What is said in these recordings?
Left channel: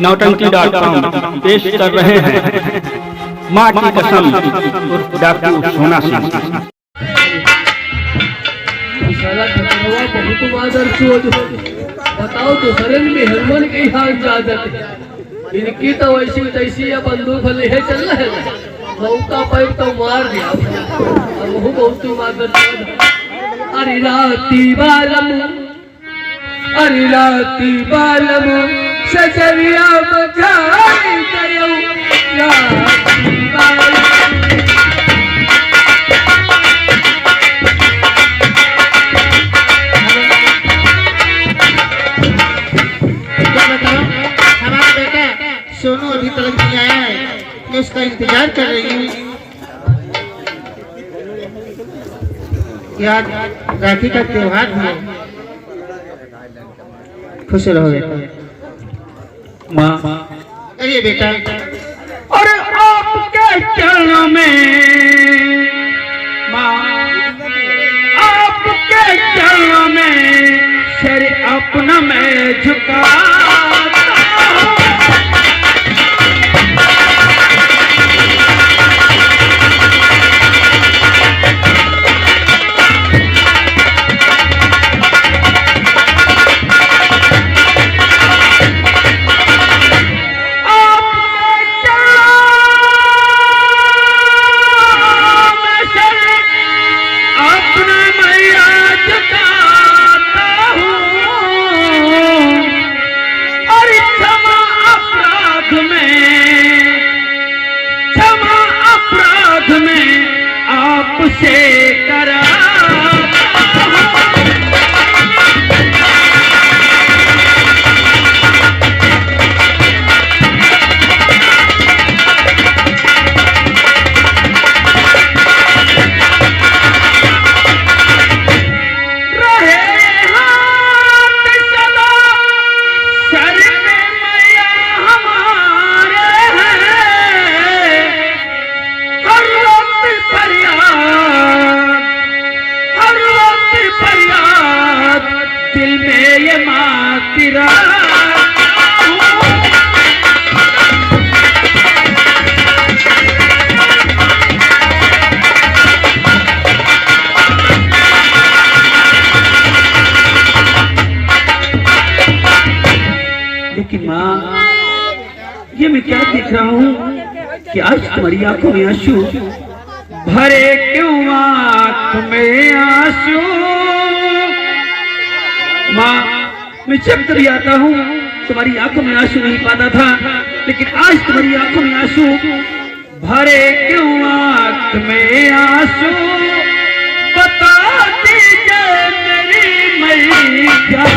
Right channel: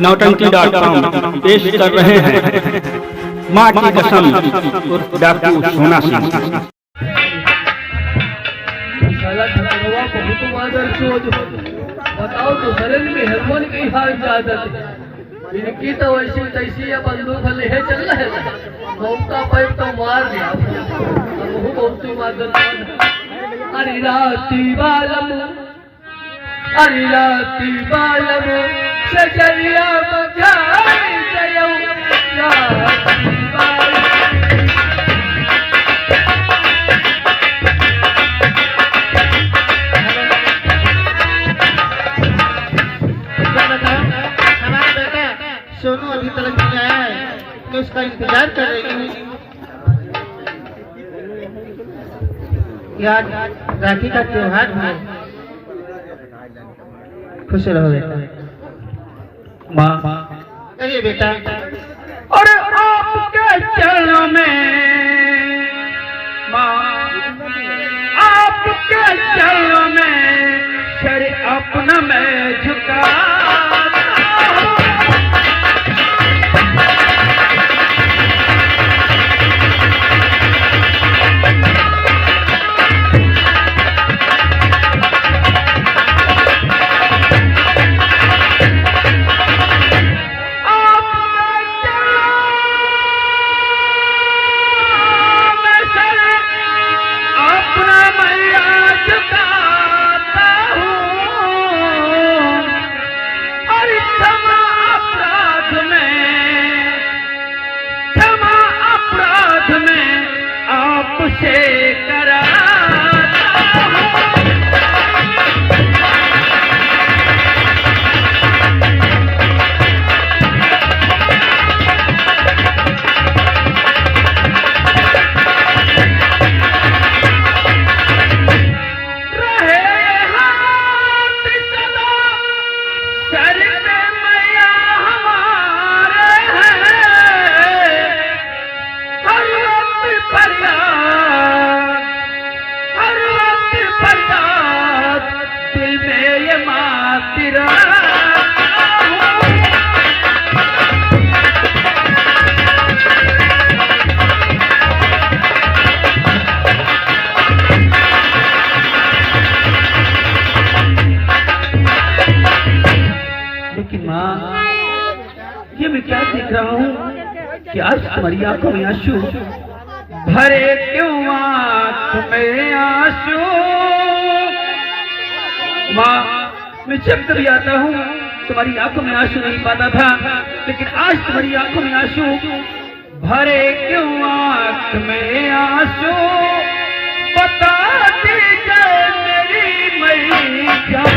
नौटंकी.com पेश कर रहे हैं माँ की कसम उर्फ डाकू सोना सिंह। बताओ तो शरण में हरमन की हाल जागत इनकी तो ऐसी तैसी है बंदूक ले चल रहे मौका पैर तो मार दिया अब बहुत मादर अरे राती बालम सजरिया बजाई गयो राती बालम सोनू अभी तक नहीं आया है, मैं उसका इंतजार कर रही हूँ। यार राखी का त्योहार है, खुश रहो बेटा। माँ कहिए बेटा। और आपके चरणों में माँ, आपके चरणों में सर अपना मैं झुका से करा दिल में ये माँ की लेकिन माँ ये मैं क्या देख रहा हूँ कि आज तुम्हारी आंखों में आंसू भरे क्यों आंख में आंसू। माँ मैं जब कभी आता हूँ तुम्हारी आंखों में आंसू नहीं पाता था, लेकिन आज तुम्हारी आंखों में आंसू भरे क्यों आंख में आंसू। बता दीजिए मेरी मैया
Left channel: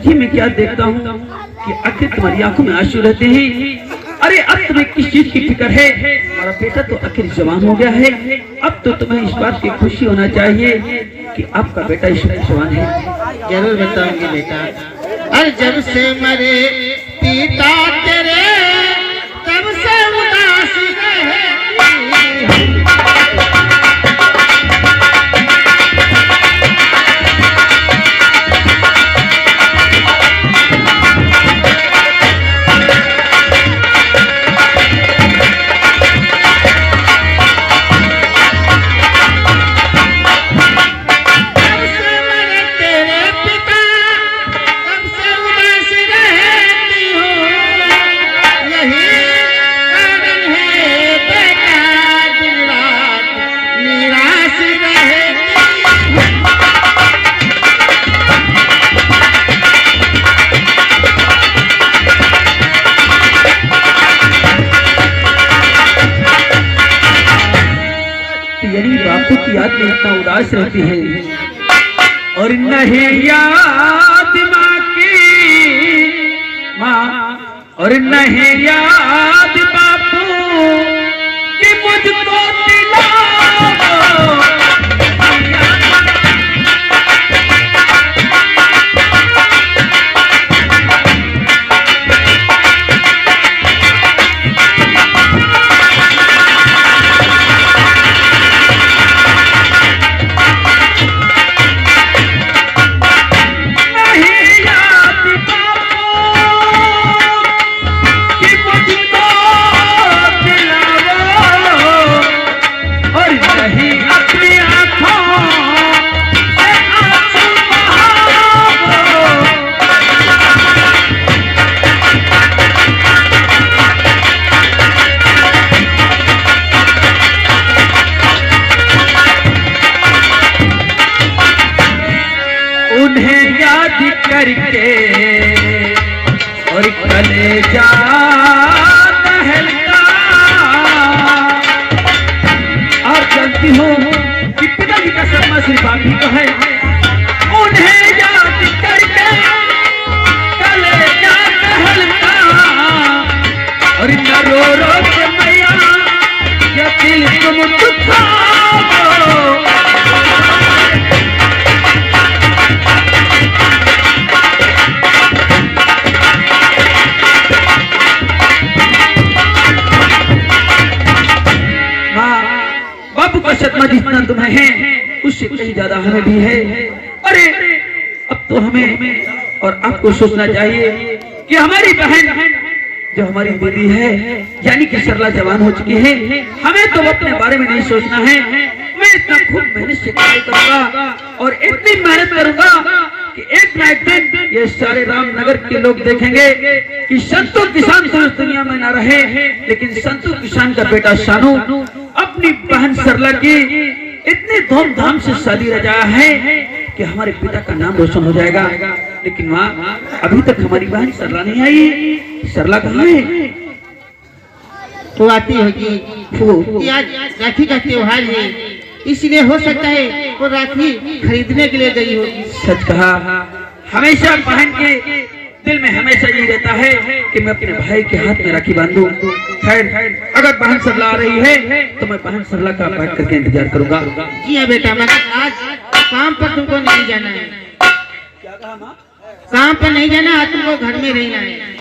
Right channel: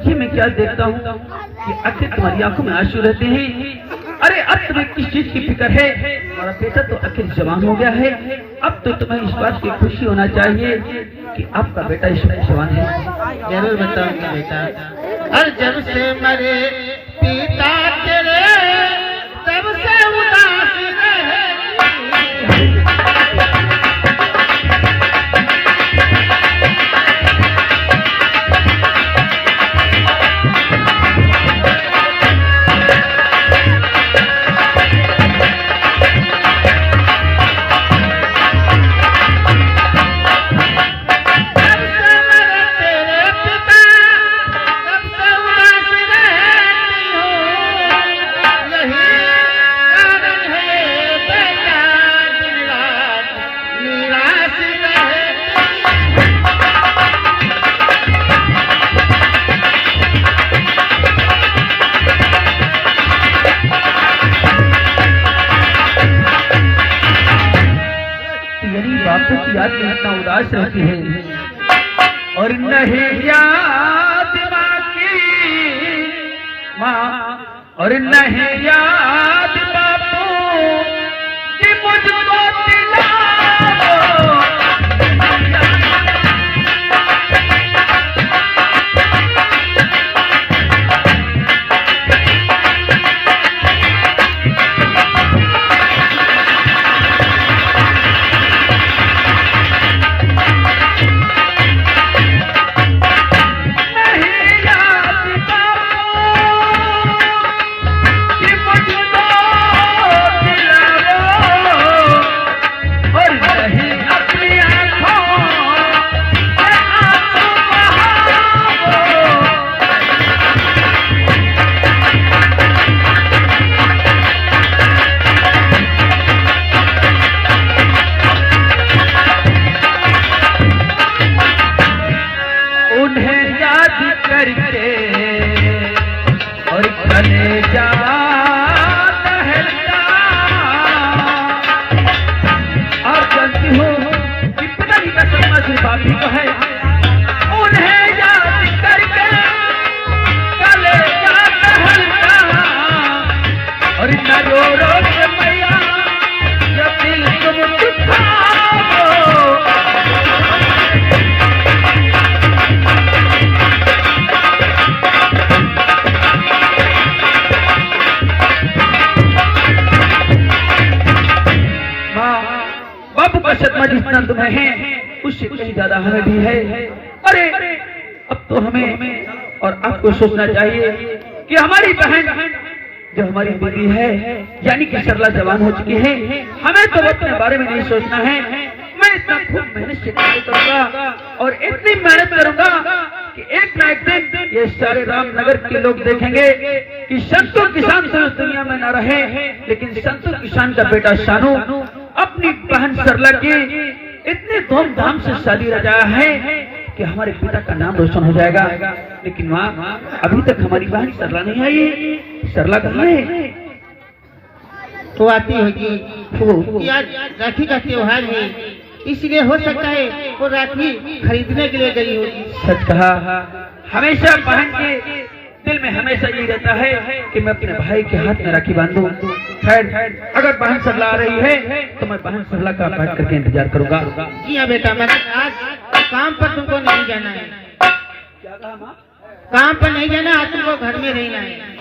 ये मैं क्या देखता हूँ कि आखिर तुम्हारी आंखों में आंसू रहते हैं। अरे अब तुम्हें किस चीज की फिक्र है? हमारा बेटा तो आखिर जवान हो गया है, अब तो तुम्हें इस बात की खुशी होना चाहिए कि आपका बेटा इस वक्त जवान है। जरूर बताऊंगी बेटा। और जब से मरे पिता तेरे तब से उदास रहे। उदास रहती है और नहीं याद माँ की माँ और नहीं याद बापू कि मुझको दिलाओ। उन्हें याद करके और कलेजा दहलता। आप जानती हो कि पिताजी का सपना सिर्फ आप ही को है। उन्हें याद करके कलेजा दहलता और न रो रो के मैया ये दिल तुम दुखाओ। बापू का सदमा जितना तुम्हें है उससे कहीं ज्यादा हमें भी है। अरे अब तो हमें और आपको सोचना चाहिए कि हमारी बहन जो हमारी दीदी है यानी कि सरला जवान हो चुकी है। हमें तो अपने बारे में नहीं सोचना है। मैं इतना खूब मेहनत से कार्य करूंगा और इतनी मेहनत करूंगा कि एक ना एक दिन ये सारे रामनगर के लोग देखेंगे कि संतू किसान तो इस दुनिया में ना रहे, लेकिन संतू किसान का बेटा शानू अपनी बहन सरला की इतनी धूमधाम से शादी रचाया है कि हमारे पिता का नाम रोशन हो जाएगा। लेकिन माँ अभी तक हमारी बहन सरला नहीं आई। सरला कहाँ है? तो आती होगी। आज राखी का त्योहार है, इसलिए हो सकता है वो राखी खरीदने के लिए गई होगी। सच कहा। हमेशा बहन के दिल में हमेशा यही रहता है कि मैं अपने भाई के हाथ में राखी बांधूं। खैर अगर बहन सरला आ रही है तो मैं बहन सरला का बैठ करके इंतजार करूंगा। जी हाँ बेटा, मगर आज काम पर तुमको नहीं जाना है। क्या कहा माँ? काम पर नहीं जाना, आज तुमको घर में रहना है।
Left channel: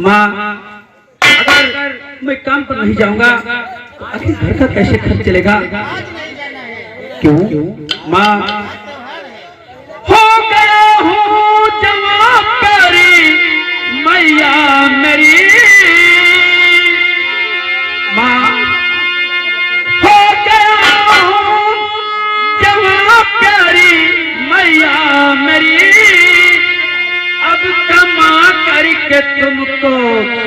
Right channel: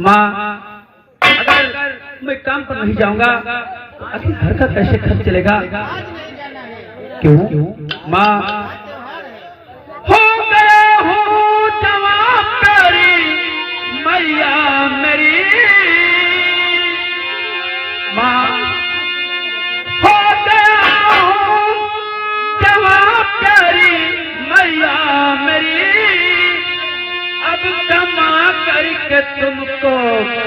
माँ अगर मैं काम पर नहीं जाऊंगा तो आखिर घर का कैसे खर्च चलेगा? क्यों माँ? हो गया हूँ जवान तेरी मैया मेरी माँ। हो गया हूँ जवान तेरी मैया मेरी अब कमा करके तुमको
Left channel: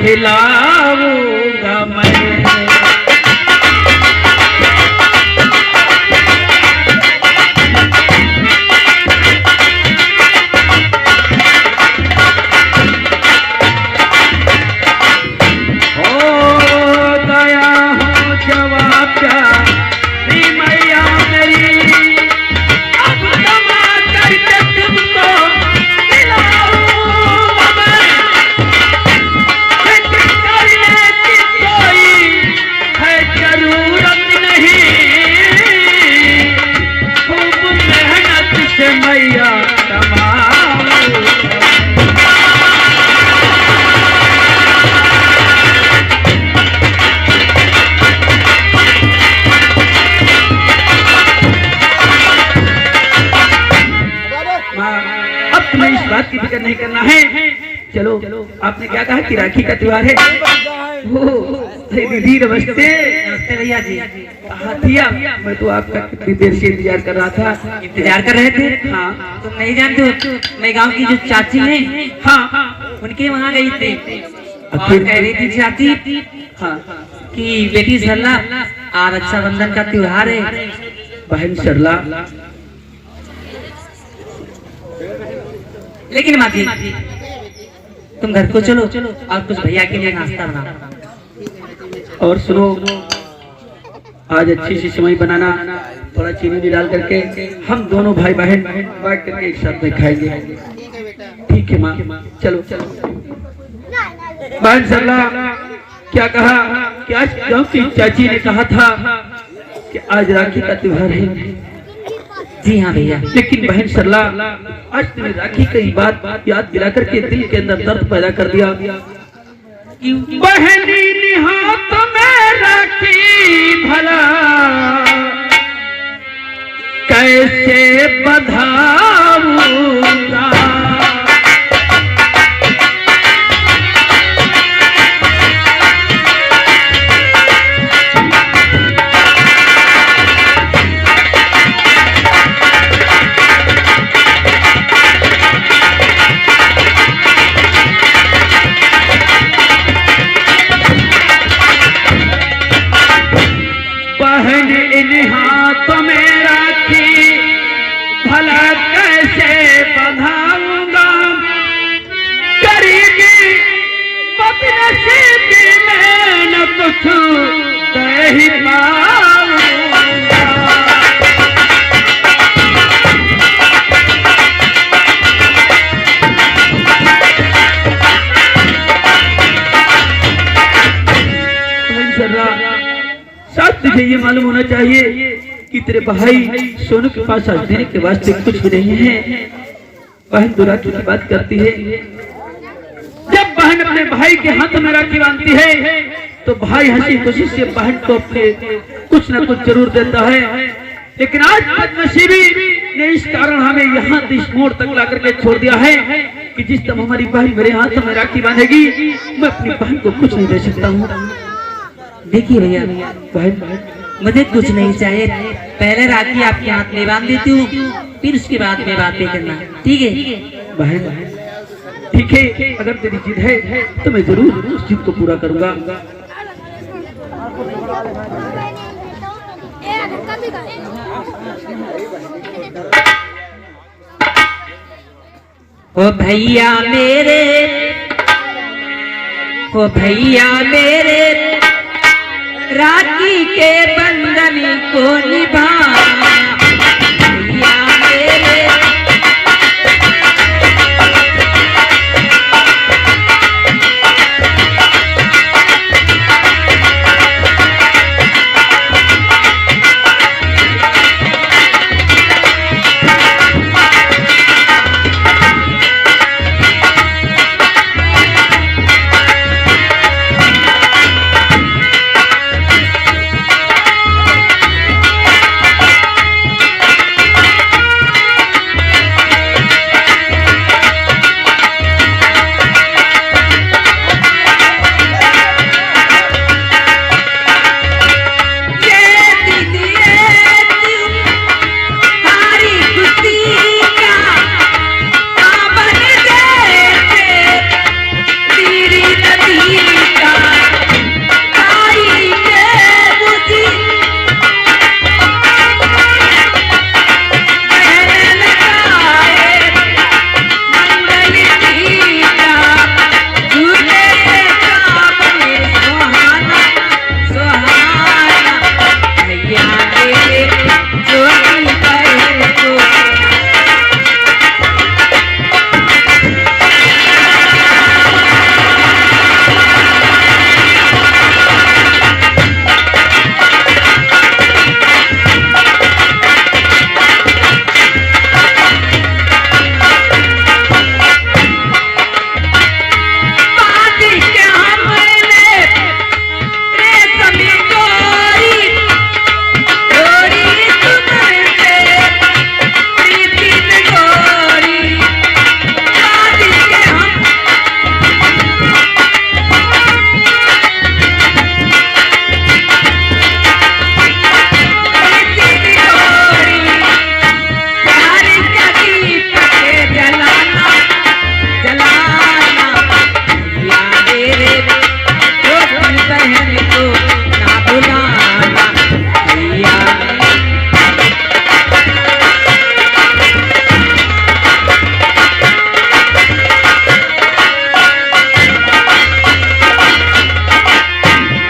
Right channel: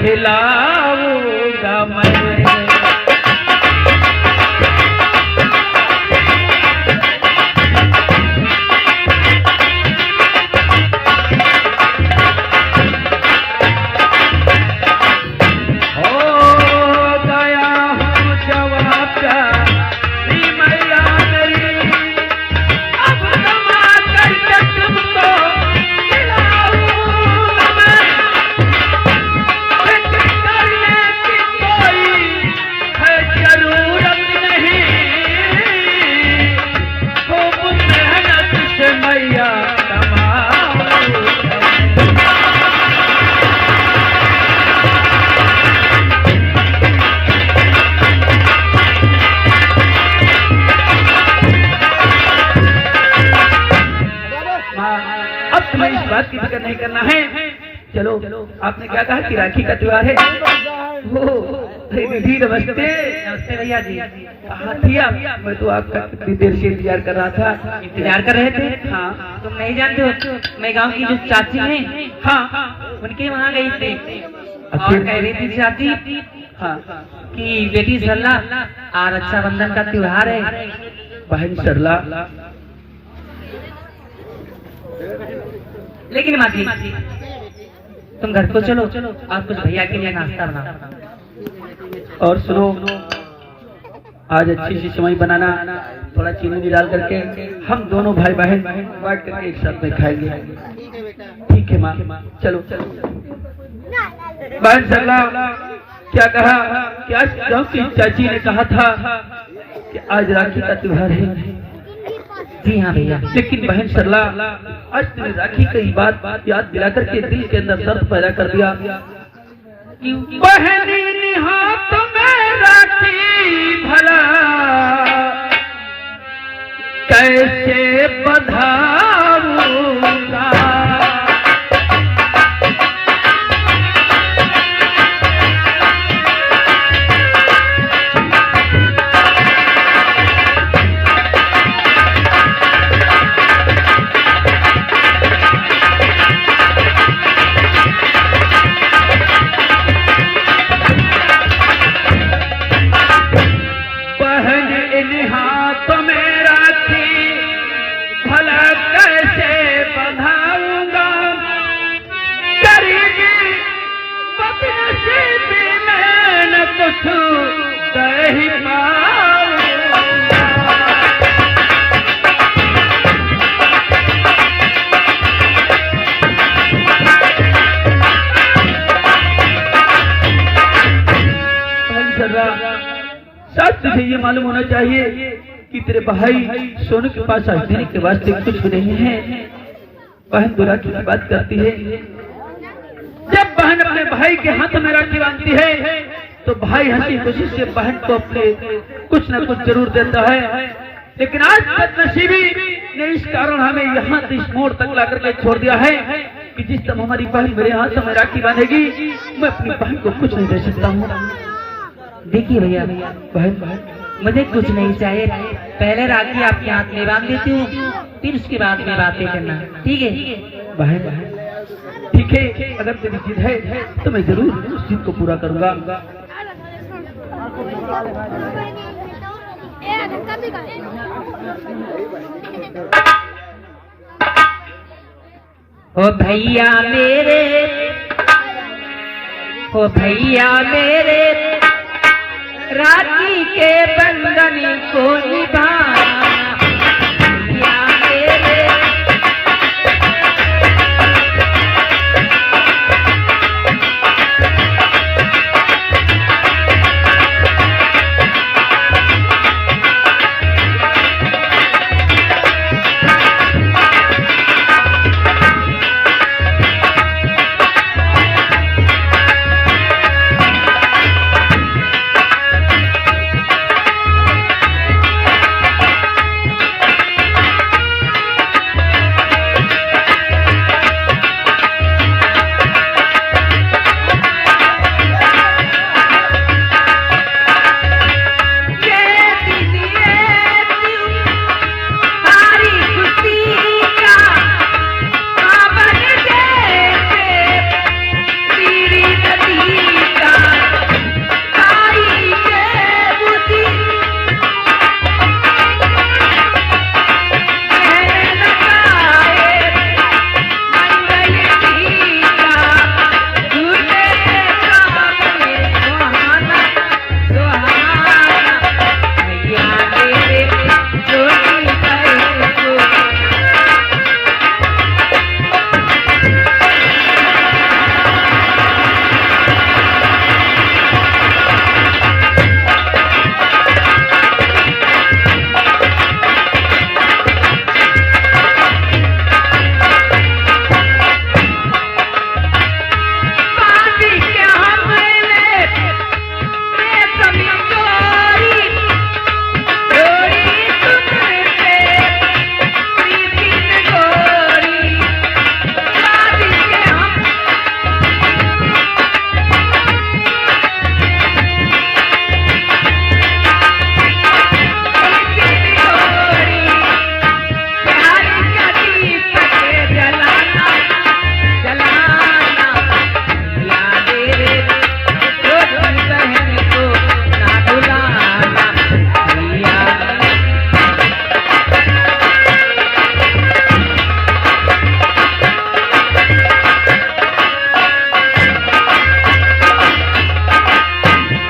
खिलाऊंगा मैं। बात की फिक्र नहीं करना है। चलो आपने क्या कहा कि राखी का त्योहार है। दीदी नमस्ते। नमस्ते भैया जी। भैया मैं तो आपका कितनी देर से इंतजार कर रहा था। इंतजार कर रहे थे? हाँ। तुम नहीं जानते हो, मैं गांव की जो चाची है हाँ उनके वहाँ गई थी और कह रही थी चाची हाँ कि बेटी सरला आज रक्षाबंधन का त्योहार है। बहन सरला लेकिन माँ जी तुम घर को चलो और कुछ भैया के लिए नाश्ता बनाओ। और सुनो, आज अच्छी सी सेवई बनाना थोड़ा चीनी भी डाल करके हम दोनों भाई बहन बैठ करके एक साथ में खाएंगे। ठीक है बेटा। ठीक है माँ, चलो चलो। बहन सरला क्या कहा कि आज गांव की चाची ने कहा था कि आज राखी का त्योहार है। जी हाँ भैया। लेकिन बहन सरला आज तुमने राखी की बात याद दिला करके दिल के अंदर दर्द पैदा कर दिया। बहनी हाथ में राखी भला कैसे बधाऊंगा। हाथ में राखी भला कैसे बधाऊंगा। करीबी बदनसीबी में न कुछ दे ही पाऊंगा। साथ तुझे ये मालूम होना चाहिए कि तेरे भाई सोनू के पास आज देने के वास्ते कुछ भी नहीं है। बहन तो राखी की बात करती है। जब बहन अपने भाई के हाथ में राखी बांधती है तो भाई हंसी खुशी से बहन को अपने कुछ न कुछ जरूर देता है। लेकिन आज बदनसीबी ने इस कारण हमें यहाँ इस मोड़ तक ला करके छोड़ दिया है कि जिस टाइम हमारी बहन मेरे हाथ में राखी बांधेगी मैं अपनी बहन को कुछ नहीं दे सकता हूँ। देखिए भैया, बहन मुझे कुछ नहीं चाहिए। पहले राखी आपके हाथ में बांध देती हूँ, फिर उसके बाद में बातें करना, ठीक है? बहन ठीक है, अगर तेरी जिद है तो मैं जरूर उस जिद को पूरा करूंगा। ओ भैया मेरे, ओ भैया मेरे, राखी के बंधन को निभा। भैया मेरे,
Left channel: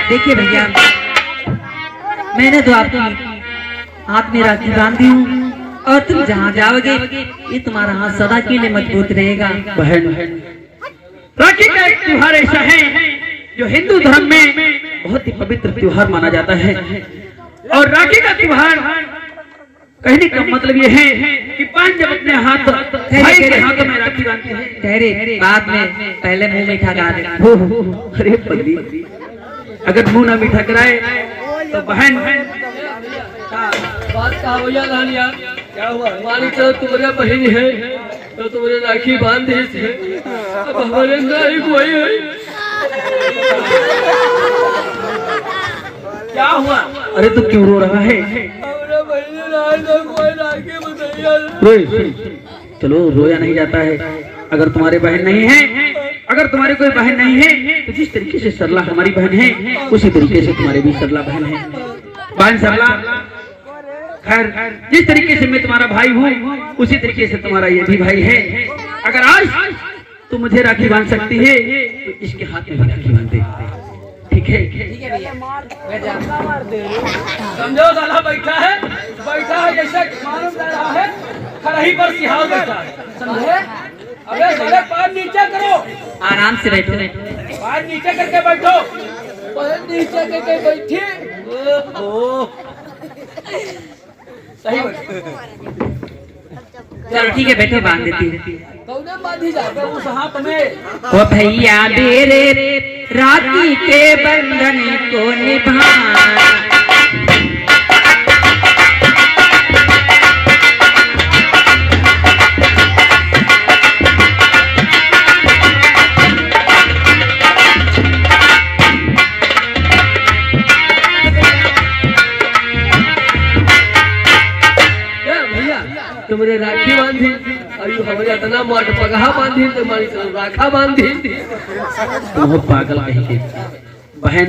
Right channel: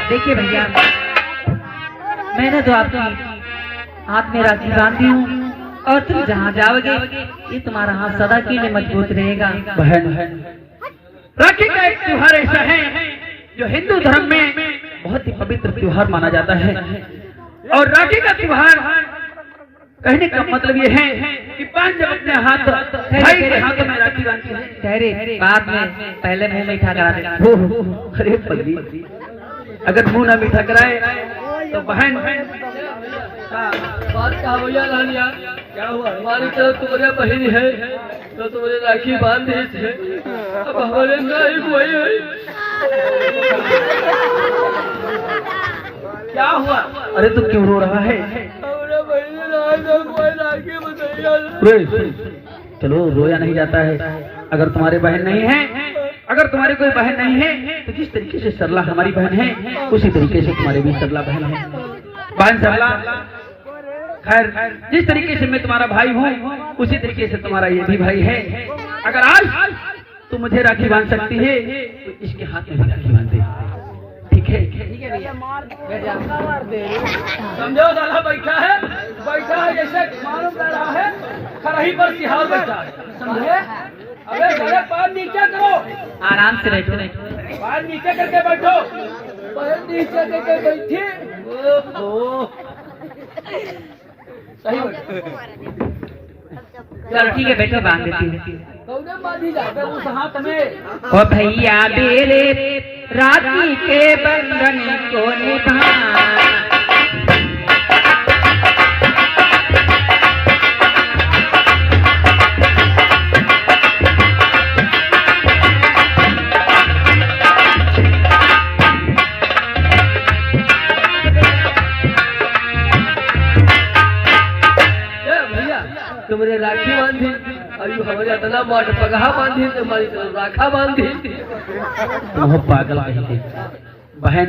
देखिए भैया, मैंने तो आपकी हाथ में राखी बांधी हूँ और तुम जहाँ जाओगे ये तुम्हारा हाथ सदा के लिए मजबूत रहेगा। बहन, राखी का एक त्योहार ऐसा है जो हिंदू धर्म में बहुत ही पवित्र त्योहार माना जाता है। और राखी का त्योहार कहने का मतलब ये है कि बहन जब अपने हाथ भाई के हाथों में राखी बांधती है। ठहरे, बाद में पहले मुंह मीठा करा दे। अरे पगली, अगर मुंह ना मीठा कराए तो बहन बात कहा भैया लालिया, क्या हुआ? हमारी तरफ तुम्हारे बहन है तो तुम्हारे राखी बांध दी थे, अब हमारे नहीं कोई है। क्या हुआ? अरे तू क्यों रो रहा है? हमारा बहन कोई राखी बताइए। रोए, चलो रोया नहीं जाता है। अगर तुम्हारे बहन नहीं है, अगर तुम्हारी कोई बहन नहीं है तो जिस तरीके से सरला हमारी बहन है उसी तरीके से तुम्हारे भी सरला बहन है। बहन सरला, खैर जिस तरीके से मैं तुम्हारा भाई हूँ उसी तरीके से तुम्हारा ये भी भाई है। अगर आज तुम मुझे राखी बांध सकती है तो इसके हाथ में भी राखी बांध दे, ठीक है? समझो साला बैठा है जैसे मालूम लग रहा है खराही पर सिहाव बैठा है, समझे? अबे साले पैर नीचे करो, आराम से बैठो। पैर नीचे करके बैठो, पैर नीचे करके बैठी। सही चलो ठीक है, बैठो, बांध देती है। कौन बांधी जाते उस हाथ में? ओ भैया मेरे राखी के बंधन को निभाना, तुम्हारे राखी बांधी और यू हमारे इतना माट पगहा बांधी तुम्हारी तो राखा बांधी। तुम पागल कहीं के। बहन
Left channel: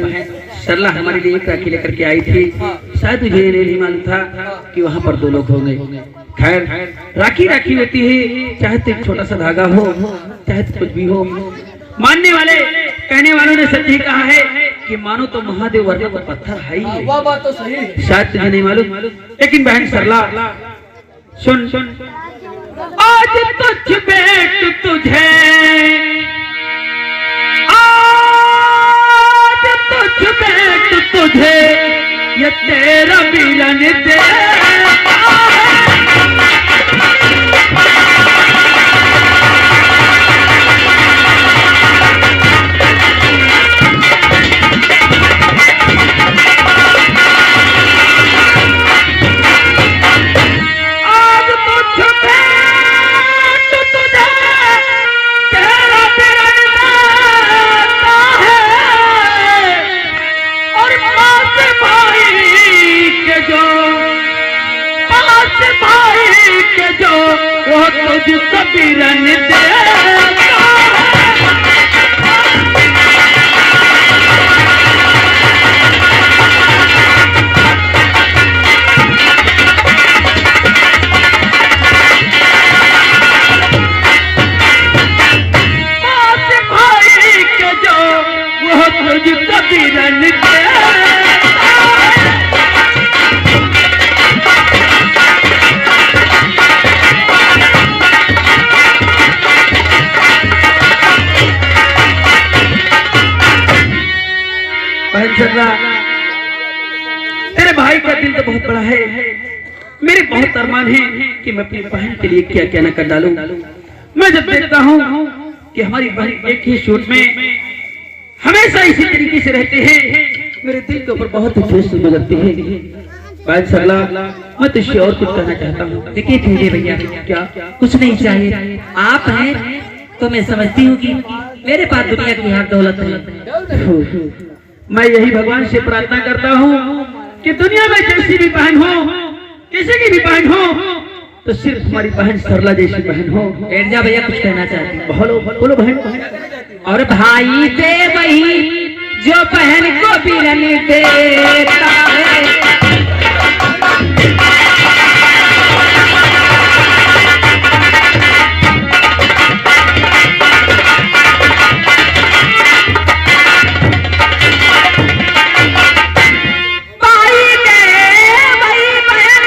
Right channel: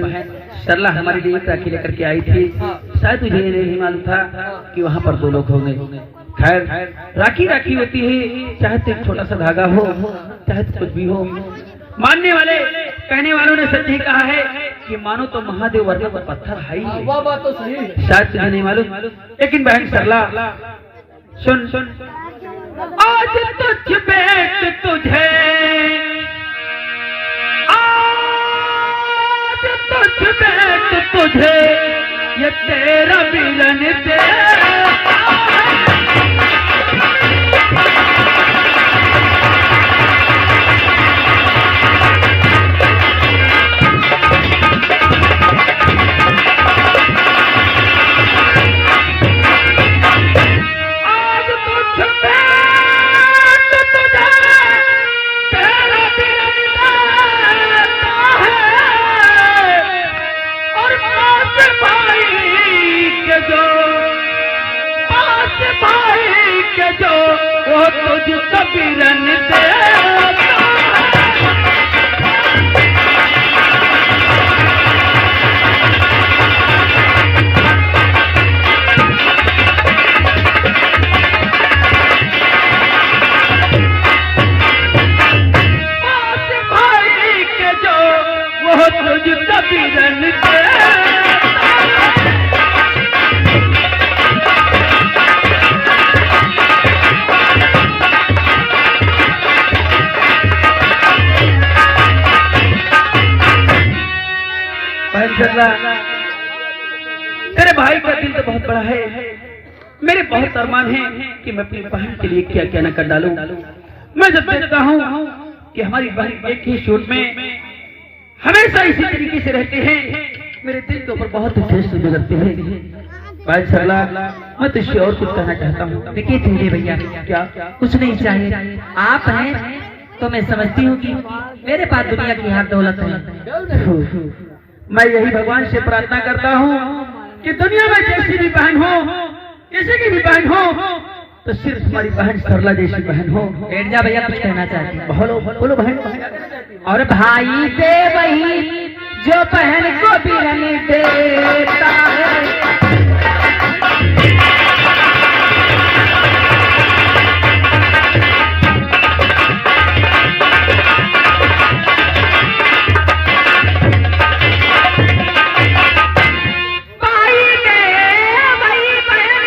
सरला हमारे लिए एक राखी लेकर के आई थी, शायद तुझे ये नहीं मालूम था कि वहाँ पर दो लोग होंगे। खैर राखी राखी होती है, चाहे तो एक छोटा सा धागा हो चाहे तो कुछ भी हो। मानने वाले कहने वालों ने सच ही कहा है कि मानो तो महादेव वरना तो पत्थर है ही। वह बात तो सही है, शायद तुझे नहीं मालूम, लेकिन बहन सरला सुन, आज तुझ बेट तुझे, आज तुझ बेट तुझे ये तेरा मिलन दे। जो वो तुझ कबीरन दे। भाई के जो वो तुझ कबीरन दे। तेरे भाई का दिल तो बहुत बड़ा है, मेरे बहुत अरमान है कि मैं अपनी बहन के लिए क्या क्या न कर डालूं। मैं जब देखता हूँ कि हमारी बहन एक ही सूट में हमेशा इसी तरीके से रहते हैं, मेरे दिल के ऊपर बहुत ही ठेस गुजरती है। भाई सरला, मैं तुझसे और कुछ कहना चाहता हूँ। देखिए ठहरे भैया, क्या? कुछ नहीं चाहिए। आप हैं तो मैं समझती हूँ कि मेरे पास दुनिया की हर दौलत है। मैं यही भगवान से प्रार्थना करता हूँ कि दुनिया में जैसी भी बहन हो, किसी की भी बहन हो, तो सिर्फ हमारी बहन सरला जैसी बहन हो। बैठ जा भैया, कुछ कहना चाहती हूँ। बोलो बोलो बहन। और भाई दे वही जो बहन को बिरन देता है। भाई दे वही बहन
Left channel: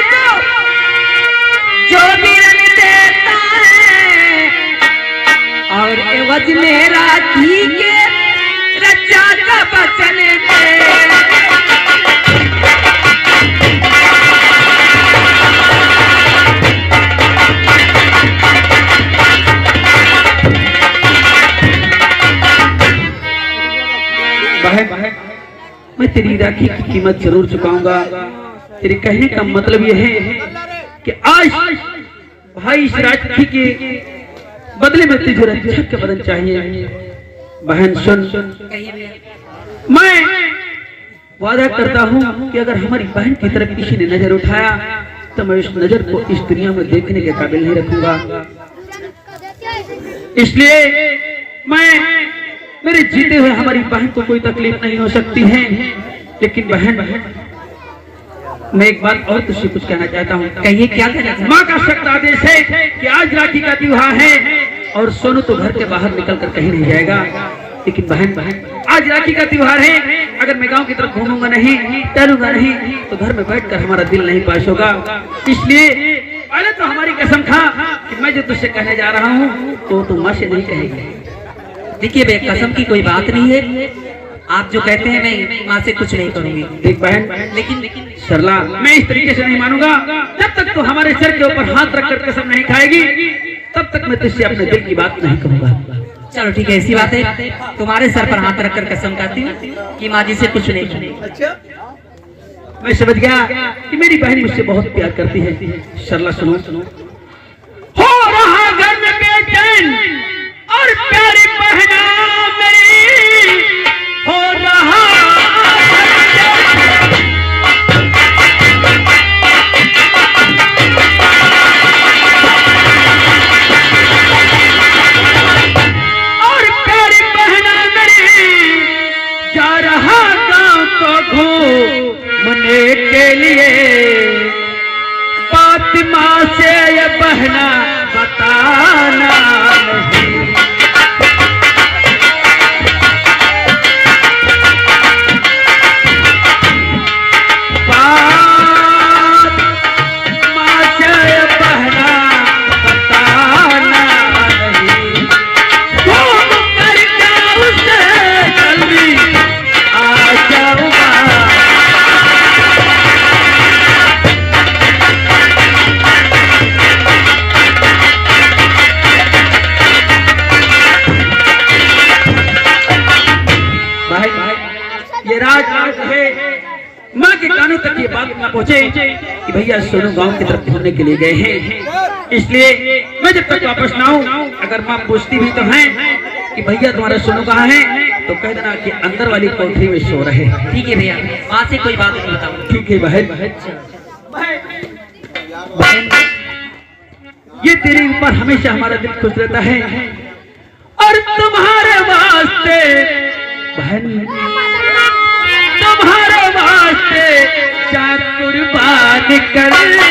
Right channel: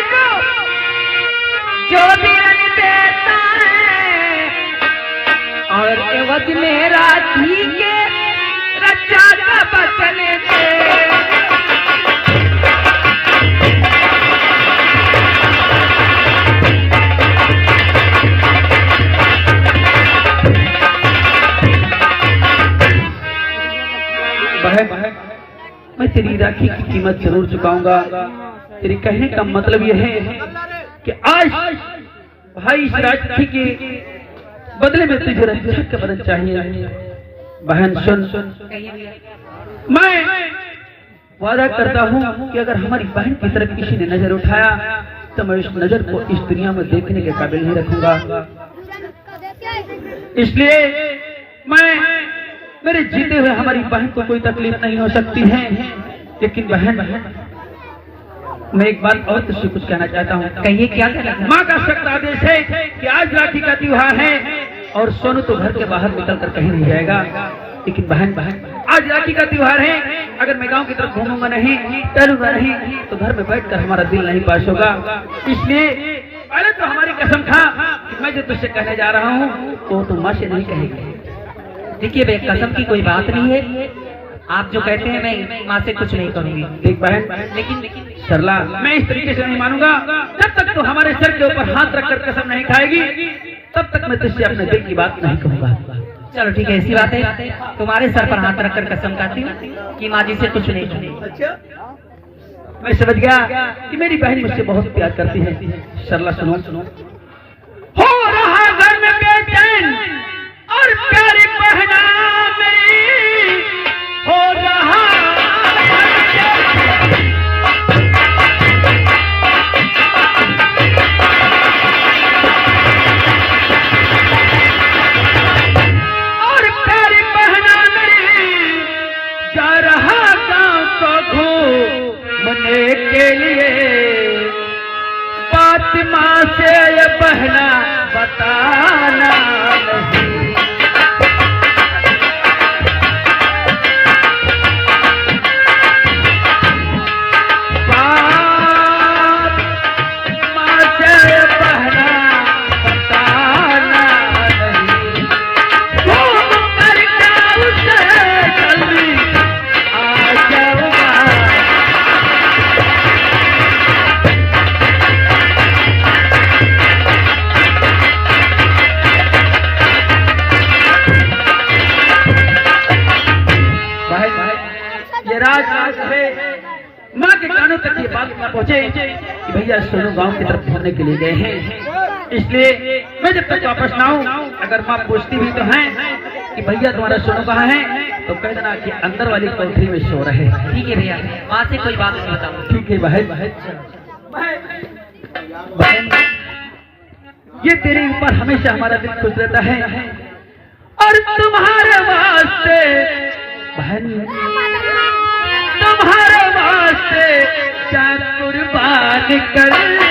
और एवज में राखी के रक्षा का बचन दे। बहन, मैं तेरी राखी की कीमत जरूर चुकाऊंगा। तेरे कहने का मतलब यह है कि आज भाई इस राखी के बदले में तुझे रक्षा का बदन चाहिए। बहन सुन, मैं वादा करता हूँ कि अगर हमारी बहन की तरफ किसी ने नजर उठाया तो मैं उस नजर को इस दुनिया में देखने के काबिल नहीं रखूंगा। इसलिए मेरे जीते हुए हमारी बहन को कोई तकलीफ नहीं हो सकती है। लेकिन बहन, मैं एक बात और तुझसे कुछ कहना चाहता हूँ। कहिए, क्या कहना चाहते हैं? माँ का सख्त आदेश है कि आज राखी का त्योहार है और सोनू तो घर के बाहर निकल कर कहीं नहीं जाएगा। लेकिन बहन, आज राखी का त्योहार है, अगर मैं गांव की तरफ घूमूंगा नहीं, टहलूंगा नहीं, तो घर में बैठकर हमारा दिल नहीं पास होगा। इसलिए पहले तो हमारी कसम खा कि मैं जो तुझसे कहने जा रहा हूँ तो तुम माँ से नहीं कहेगी। देखिए बे, कसम की कोई बात नहीं है। आप जो कहते हैं मैं माँ से कुछ नहीं करूंगी। देख बहन, लेकिन सरला, मैं इस तरीके से नहीं मानूंगा। जब तक तो हमारे सर के ऊपर हाथ रखकर कसम नहीं खाएगी तब तक मैं तुझसे अपने दिल की बात नहीं कहूंगा। चलो ठीक है, ऐसी बात है। तुम्हारे सर पर हाथ रखकर कसम खाती हूँ कि माँ जी से कुछ नहीं करूंगी। अच्छा, मैं समझ गया कि मेरी बहन मुझसे बहुत प्यार करती है। सरला सुनो, हो रहा घर में बेचैन और प्यारी बहना मेरी, हो रहा और प्यारी बहना मेरी, जा रहा गांव को घूमने के लिए, फातिमा से ये बहना बताना नहीं। ये राज है, माँ के कानों तक ये बात न पहुँचे कि भैया सोनू गांव की तरफ घूमने के लिए गए हैं। इसलिए मैं जब तक वापस ना आऊं, अगर माँ पूछती भी तो है कि भैया तुम्हारा सोनू कहाँ है, तो कह देना कि अंदर वाली कोठरी में सो रहे हैं। ठीक है भैया, माँ से कोई बात नहीं बताऊंगा। ठीक है बहन, ये तेरे ऊपर हमेशा हमारा दिल खुश रहता है और तुम्हारे वास्ते बहन, तुम्हारे वास्ते जान कुर्बान करता हूं।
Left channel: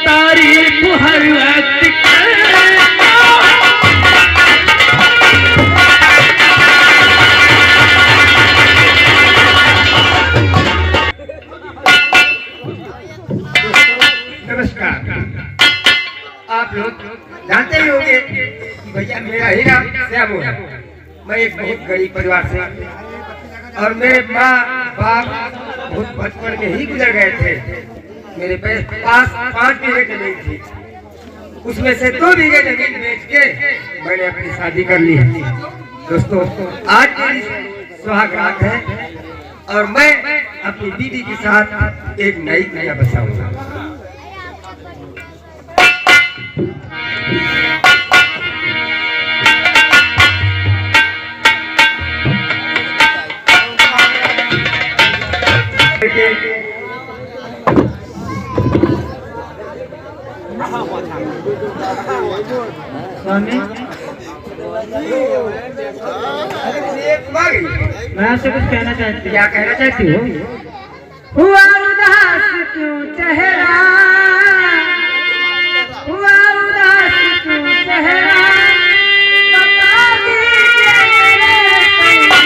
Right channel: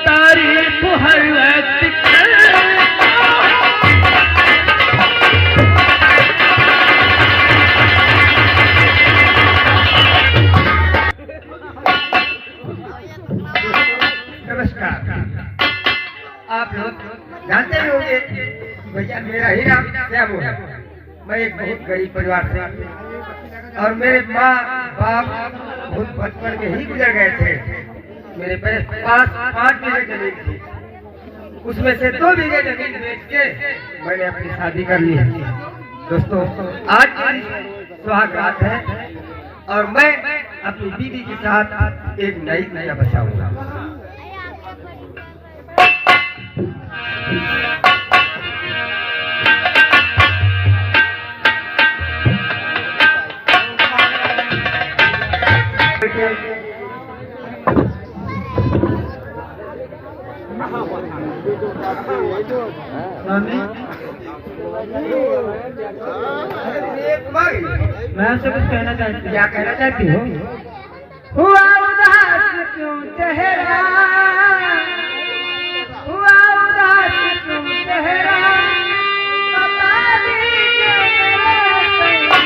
तारीफ हर वक्त नमस्कार। आप लोग जानते ही होंगे कि भैया मेरा ही नाम श्यामू है। मैं एक बहुत गरीब परिवार से और मेरे माँ बाप बहुत बचपन में ही गुजर गए थे। मेरे पास 5 बीघे जमीन थी, उसमें से 2 बीघे जमीन बेच के मैंने अपनी शादी कर ली है। दोस्तों, आज मेरी सुहाग रात है और मैं अपनी बीवी के साथ एक नई दुनिया बसाऊंगा। स्वामी अरे तुम आ गई, मैं आपसे कुछ कहना चाहती क्या कहना चाहती हो? हुआ उदास क्यों चेहरा, हुआ उदास क्यों चेहरा, बता दीजिए मेरे सैया।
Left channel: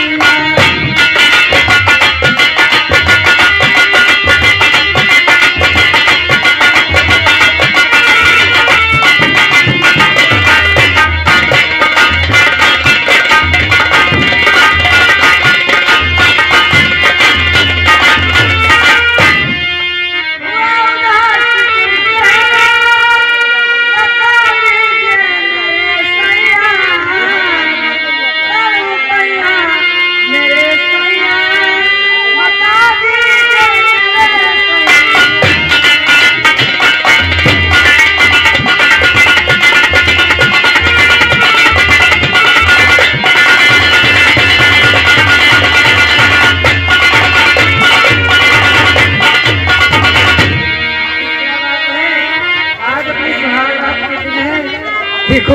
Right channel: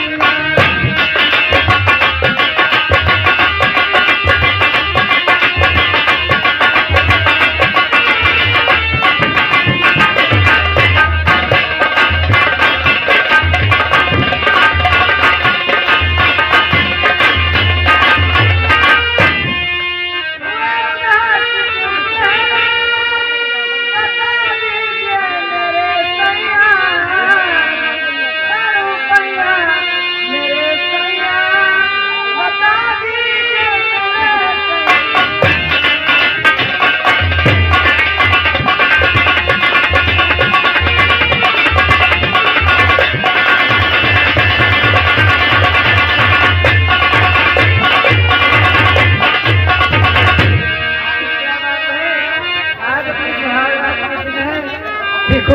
देखो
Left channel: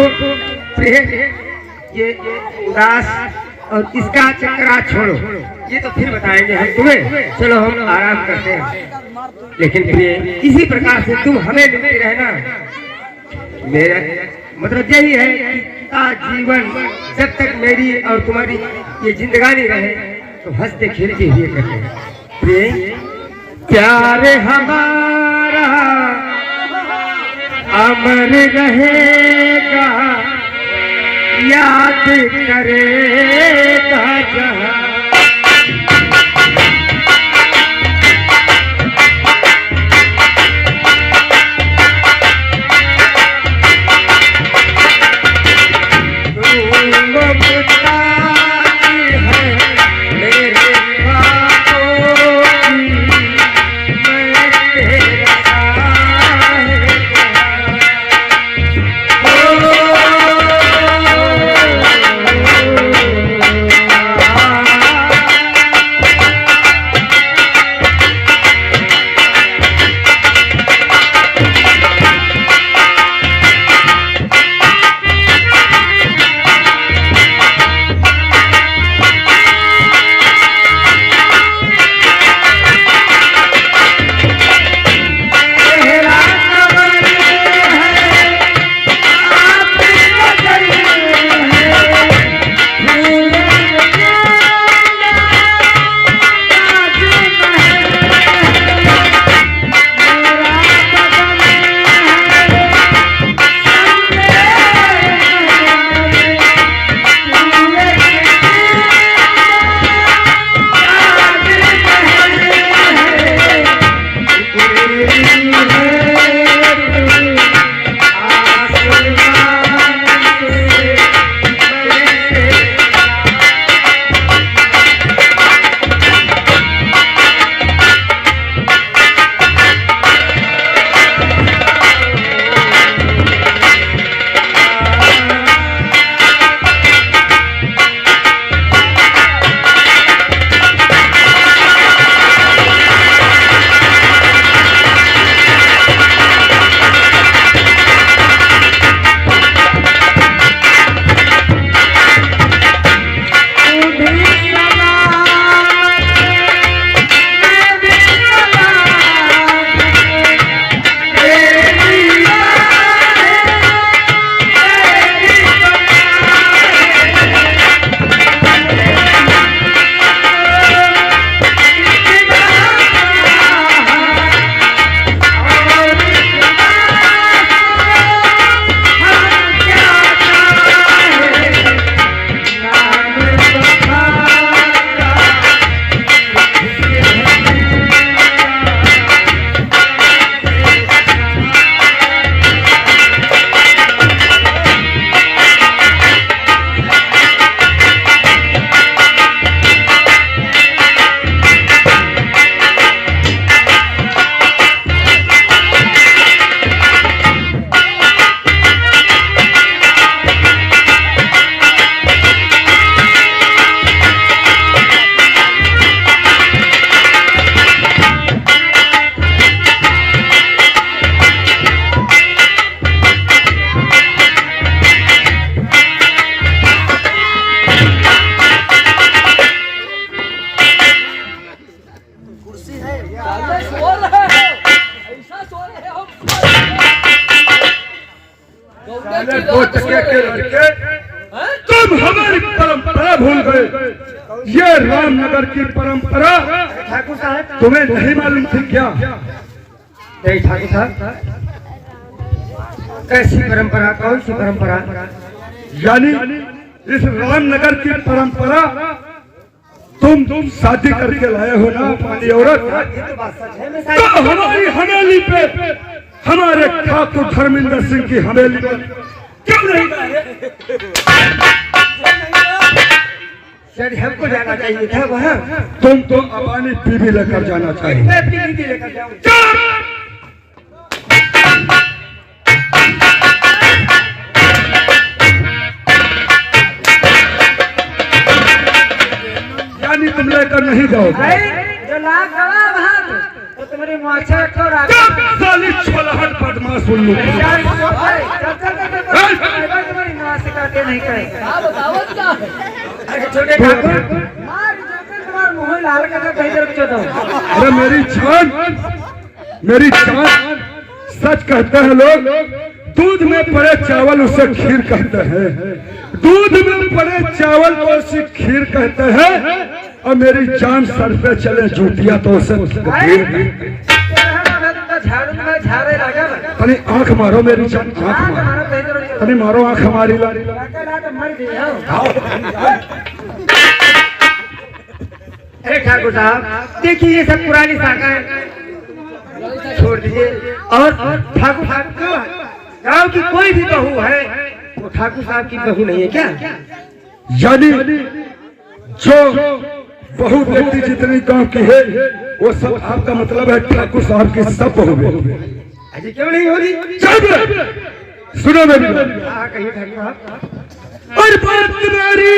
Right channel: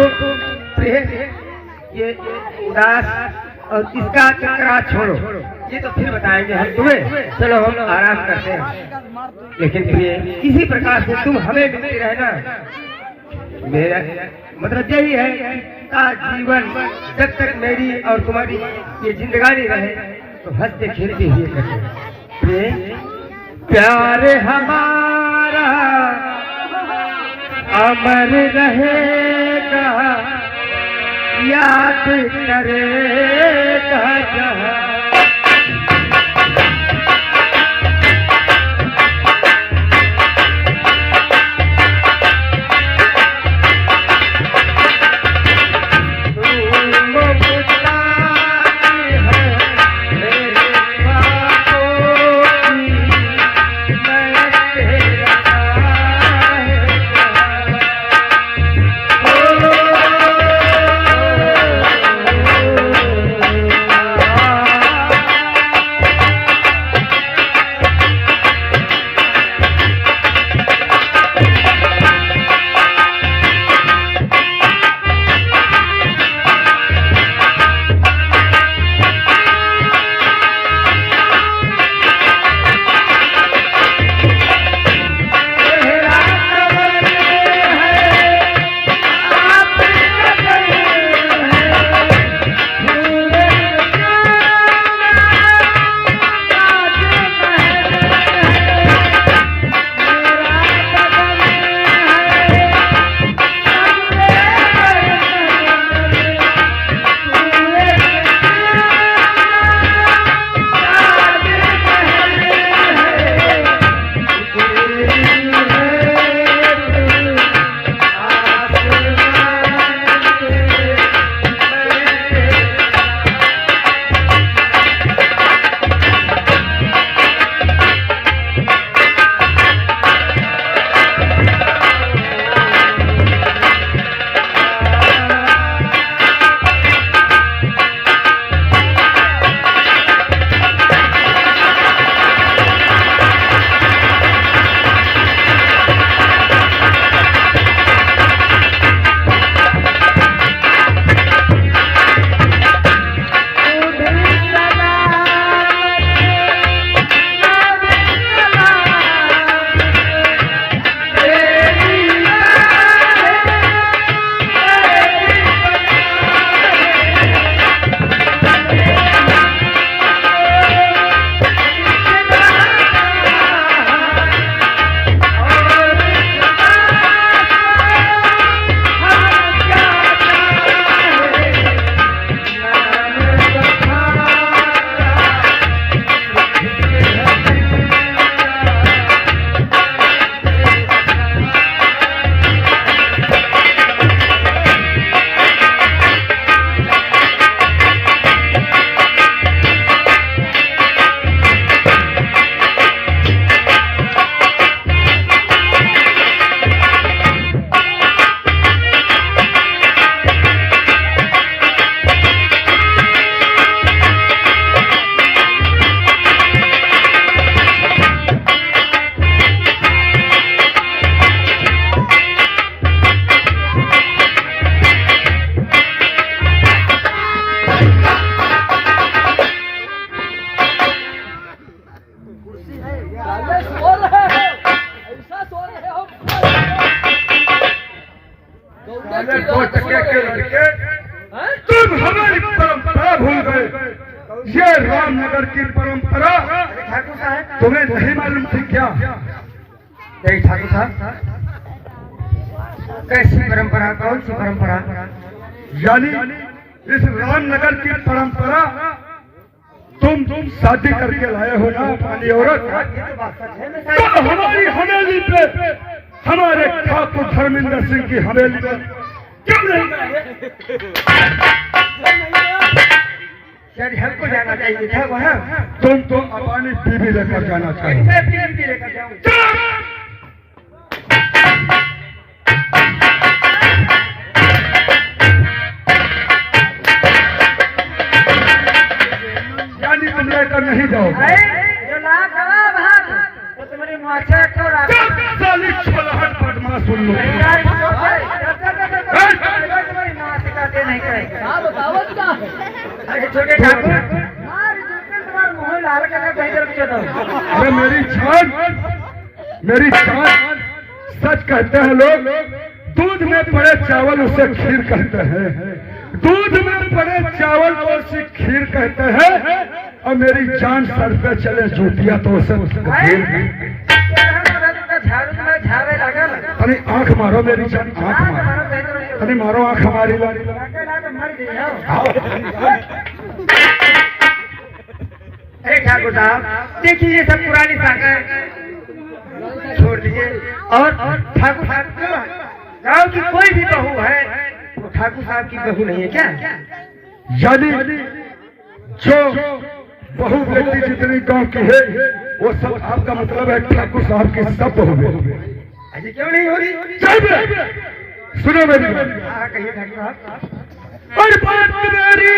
प्रेम, ये उदास और इसका चक्कर छोड़ो, ये तो फिर बताएंगे हम तुम्हें। चलो हम आराम करते हैं, लेकिन प्रिय इसी प्रकार से तुम हमें मिलते रहना। मेरा मतलब यही है कि जीवन जब तक मेरी और तुम्हारी ये जिंदगानी रहे तो हंसते खेलते हुए करते हैं। प्रिय प्यार हमारा अमर रहेगा, याद करेगा जहां। की बहुत बात टके के लड़के, हैं? तुम हमारी परंपरा भूल गए। ये रामनगर की परंपरा ठाकुर साहब तुम्हें नहीं मालूम थी क्या? नहीं ठाकुर साहब, कैसी परंपरा, कौन सी परंपरा? यानी इस रामनगर की परंपरा तुम शादी करके लाए हो ना अपनी औरत, ये तो बात सच है। मैं तो हमारी हवेली पे, हमारे ठाकुर धर्मेंद्र सिंह की हवेली पर क्यों नहीं गए? शायद हमको जाना चाहिए था वहाँ। तुम तो अपनी बीवी लेकर जाना चाहिए। मैं अपनी बीवी लेकर जाऊँ। यानी तुम लेकर नहीं जाओगे? जो लाख गवा वहाँ तो तुम्हारी मुआवजा छोड़ा। साली छोलहन बदमाश उल्लू। तुम्हारी मुआवजा करके नहीं करेंगे। क्या बतावत क्या है? अरे छोटे ठाकुर, तुम्हारा मुँह लाल करके कहीं तरफ चलो। अरे मेरी जान, सच कहते हैं लोग, दूध में पड़े चावल उसे खीर कहते हैं, दूध में पड़े चावल को उसे खीर कहते हैं, और मेरी जान सर पे चले जूतियां तो उसे खीर झाड़ू में झाड़े लगा। अरे आंख मारो मेरी जान, आंख मारो, अरे मारो आंख हमारी। अरे ठाकुर साहब देखिए, ये सब पुरानी साखा छोड़ दीजिए। और ठाकुर साहब क्यों, गाँव की कोई भी बहू है वो ठाकुर साहब की बहू नहीं है क्या? यानी जो बहु व्यक्ति जितनी गांव की है वो सब आपका मतलब है ठाकुर साहब की सब बहू है? ऐसी क्यों नहीं हो रही? सुनो मेरी बात। हाँ कहिए ठाकुर साहब। और बात मेरी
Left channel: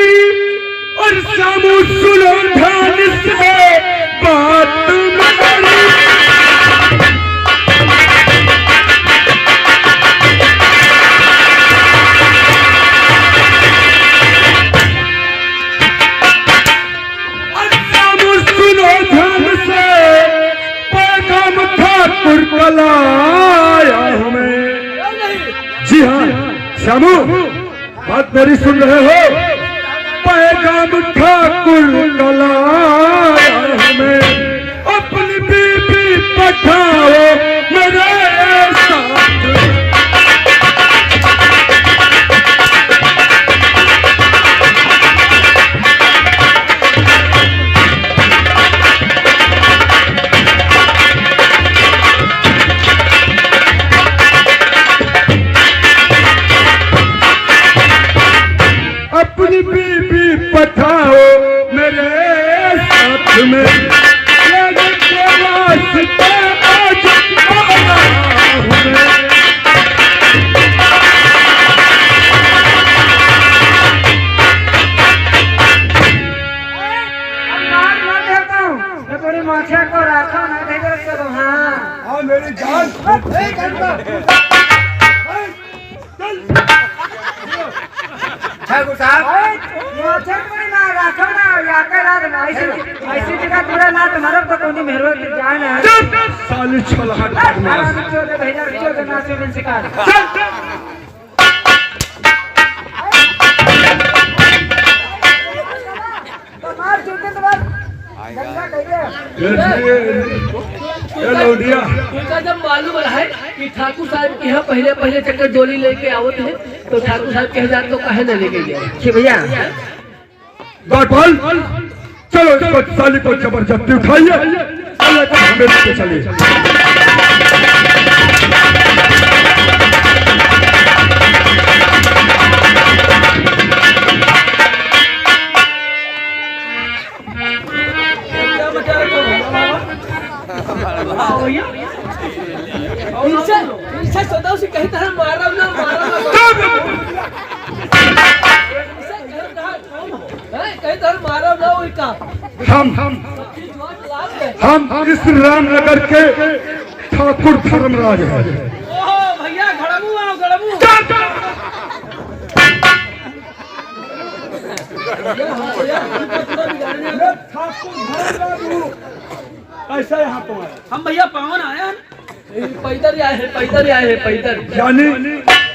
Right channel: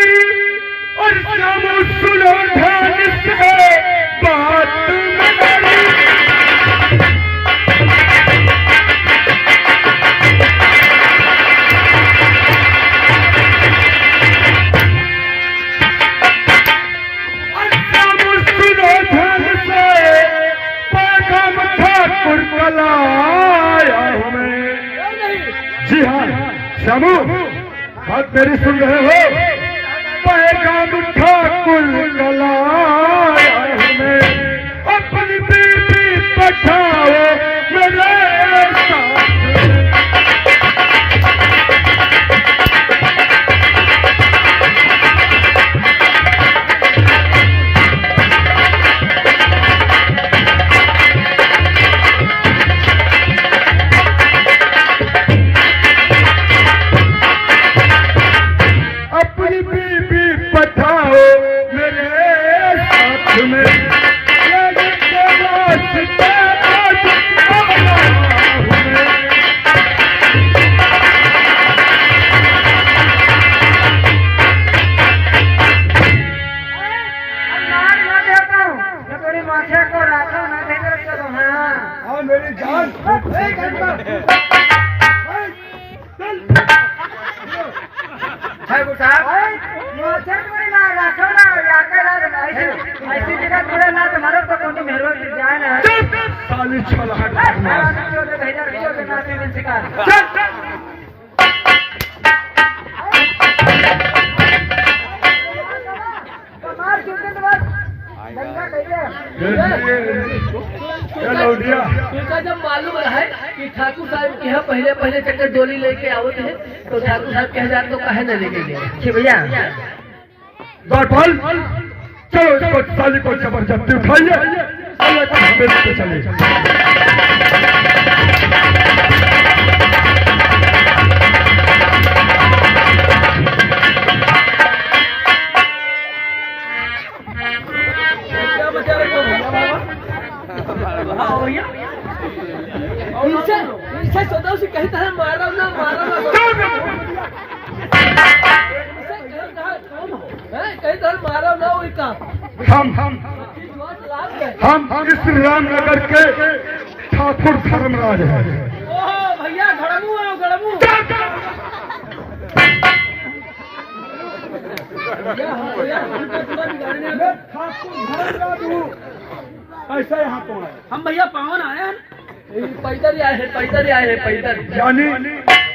और सामू सुनो ध्यान से बात मेरी। ठाकुर कलाया हमें। जी हाँ सामू, बात मेरी सुन रहे हो? पैगाम ठाकुर कलाया हमें, अपनी बीबी पठाओ मेरे साथ। अपनी बीबी पठाओ मेरे साथ में, ये वास्ते आज आया हूं मैं। थोड़ी मुआवजा को रखो ना, कहीं तरफ चलो। हाँ मेरी जान, ठाकुर साहब मुआवजा तुम्हारी ना रखो ना, याकर ऐसी जगह पूरा ना तुम्हारा तो कोई मेहरो जान है। साली छोलहन बदमाश। उनका जब मालूम रहा कि ठाकुर साहब के यहाँ पहले पहले चक्कर डोली लेके आवत है, तो ठाकुर साहब कह जाते तो कहे न लेके गए। भैया गौपाल, चलो इसको साली को जबरदस्ती उठाइए और लेकर हवेली पे चलिए। इनसे सदा से कहता है मारा ना कहता है मारा ना उनका। हम इस रामनगर के ठाकुर धर्मराज हैं। ओहो भैया घड़मू आओ घड़मू। ऐसा यहाँ तुम्हारा, हम भैया पावन आए हैं, पैदल आए हैं, पैदल आए हैं, पैदल। यानी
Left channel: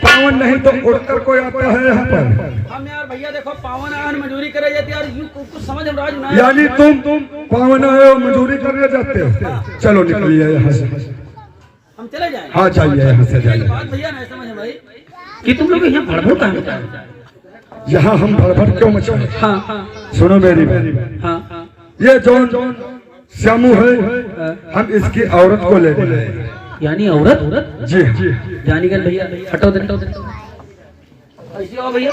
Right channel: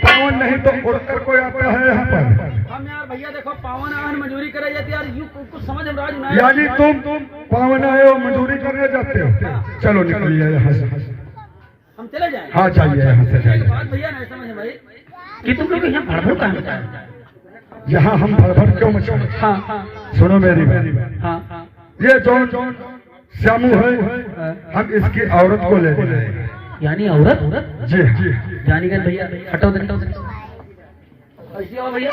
पावन नहीं तो उड़कर कोई आता है यहाँ पर? हम यार भैया देखो पावन आहन मजूरी करे जाते यार यूं कुछ समझ हम राज ना यानी तुम पावन आए हो, मजदूरी करने जाते हो? चलो निकलिए यहाँ से। हम चले जाएं। हाँ जाइए यहाँ से एक जाइए। बात भैया नहीं समझ भाई कि तुम लोग यहाँ भड़भड़ कहाँ होता है? यहाँ हम भड़भड़ क्यों मचाए? हाँ हाँ सुनो मेरी बात, हाँ ये जौन श्यामू है, हम इसकी औरत को ले गए। यानी औरत जी जी। जानी गल भैया हटो दे ऐसी आओ भैया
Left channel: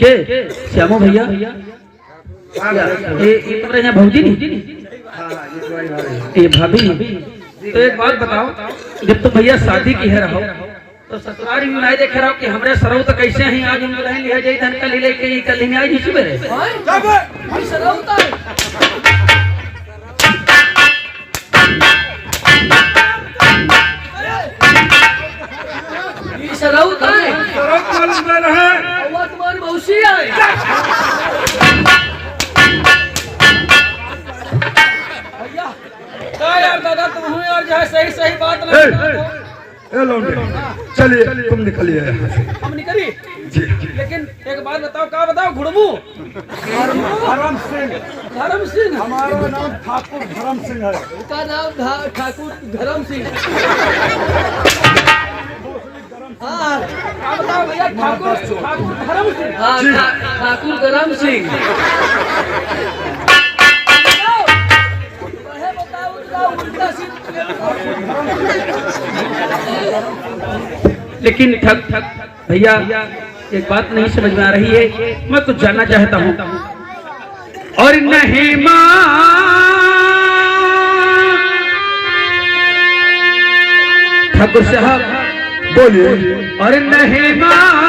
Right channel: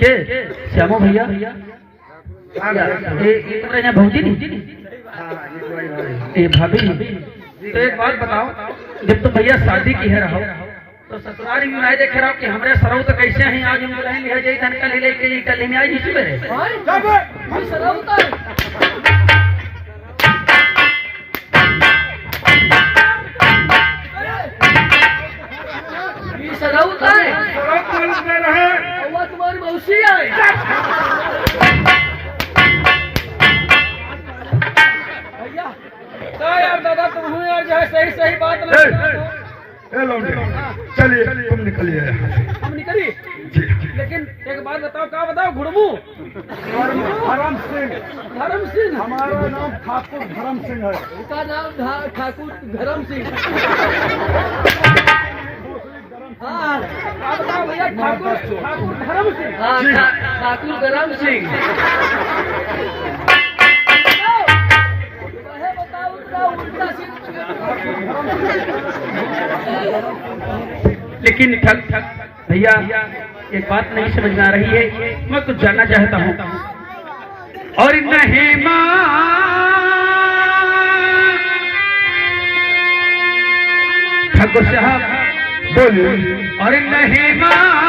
के श्यामो भैया ये तुम्हारे यहाँ भौजी नहीं ये भाभी। तो एक बात बताओ, जब तुम भैया शादी की है रहो तो ससुराल में नहीं देख रहा कि हमरे सरौ तो कैसे ही आज हम दुल्हन लिया जाई धन कल लेके ये कल ही आज इसी में हाय सरौता है ये सरौता है और तुम्हारी मौसी है। भैया क्या यार दादा तुम हुए और जो है सही सही बात ना चलिए तुम निकलिए यहाँ से। हम निकली जी। लेकिन एक बात बताओ क्या बताओ घुड़मू धर्म सिंह, धर्म सिंह हमारा नाम ठाकुर धर्म सिंह है। इनका नाम ठाकुर धर्म सिंह। हाँ क्या बताओ भैया ठाकुर ठाकुर धर्म सिंह। हाँ ठाकुर धर्म सिंह। बताओ उनका उल्टा सिंह। लेकिन ठग ठग भैया एक बात नहीं समझ में आ रही है, मैं कुछ जानना चाहता हूँ। और नहीं माँ ठाकुर साहब बोलिए। और नहीं माँ